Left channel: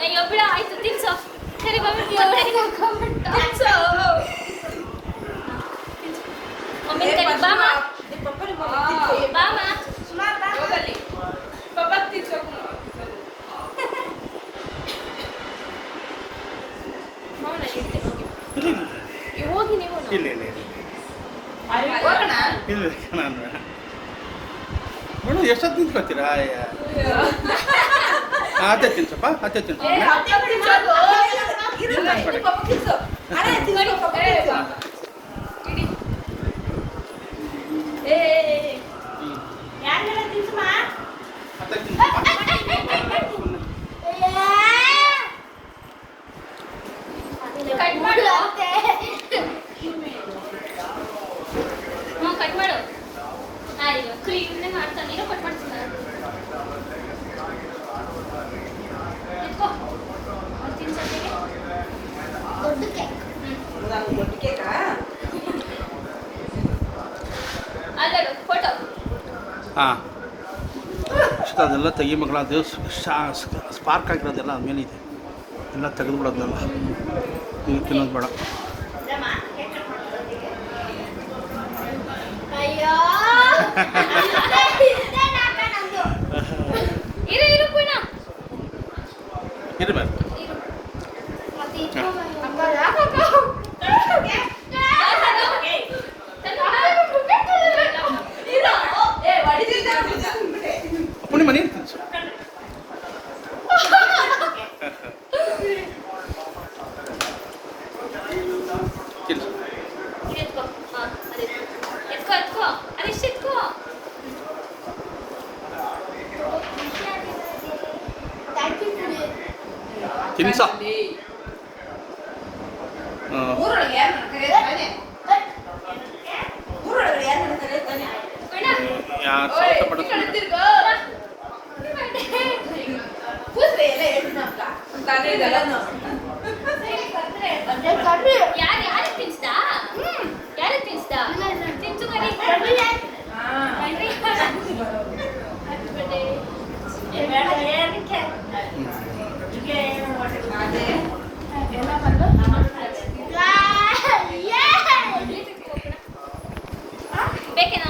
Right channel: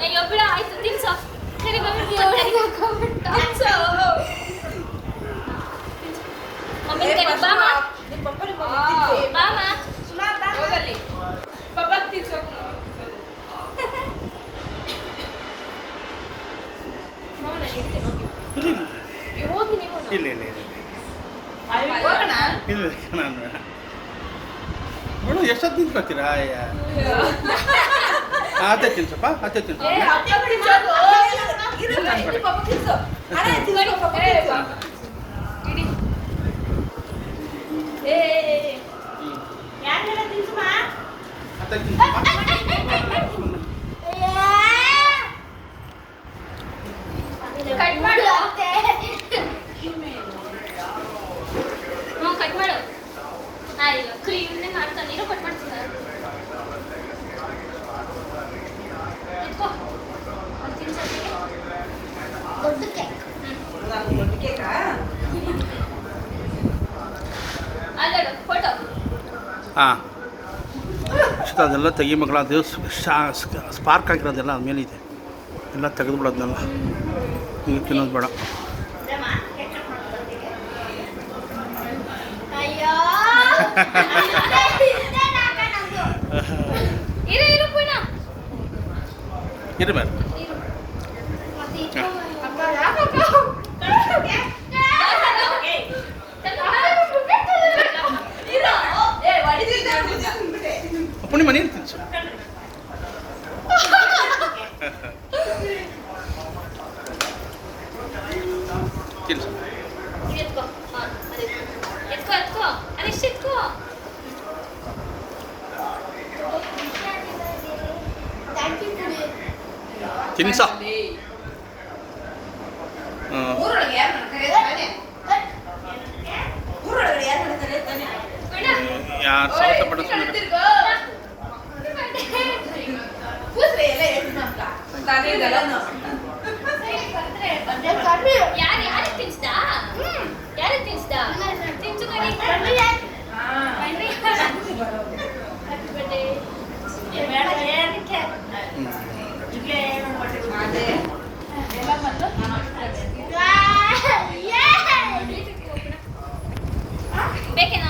ಅಯ್ಯೋ ಬಿಡ ಆಯ್ತು ತಿನ್ಸು ಸರಿ ಮಮ್ಮಿ ಇಲ್ಲ ಇಲ್ಲ ಇಲ್ಲ ಇಲ್ಲ ನಾನು ಬೇಡ ಮೇಡಮ್ ಎಷ್ಟೊತ್ತು ನಿಂತ್ಕೊತೀರಾ ಅದೇ ತಿನ್ಸಪ್ಪ ಅದೇ ತಿನ್ಸ ಅದೇ ತಿನ್ಸಪ್ಪ ಕಟ್ ಮಾಡು ಆಯ್ತು ಕ್ರೀಮ್ನೇ ಮಾಡ್ತಾನೆ ಕಟ್ ಮಾಡ್ತೀನಿ ಹಾಂ ಅದೆಲ್ಲ ತೆಗಿ ಮಗಳ ಅದು ಸ್ಪಾರ್ಕ್ ಆಗಿರೋದೆಲ್ಲ ಅದು ಮೇಲಿದೆ ಎಲ್ಲ ತೆಗೆದುಬಿಡೋದನ್ನೆಲ್ಲ ಈಗ ತಿನ್ನೋದು ಬೇಡ ಇರಬೇಕು ಪುಣ್ಯ ಮನೆ ತಿನ್ಸು ತಿನ್ಸು ತಿನ್ಸ ಯಾರು ಸಾವಟ ಪಡಿಸ್ತಾರೆ ಯಾರು ತಿನ್ಸ್ತಾ ಯಾರು ತಿನ್ಸ್ತಾ ತಿನ್ಸು ಬೇಕೇನಾ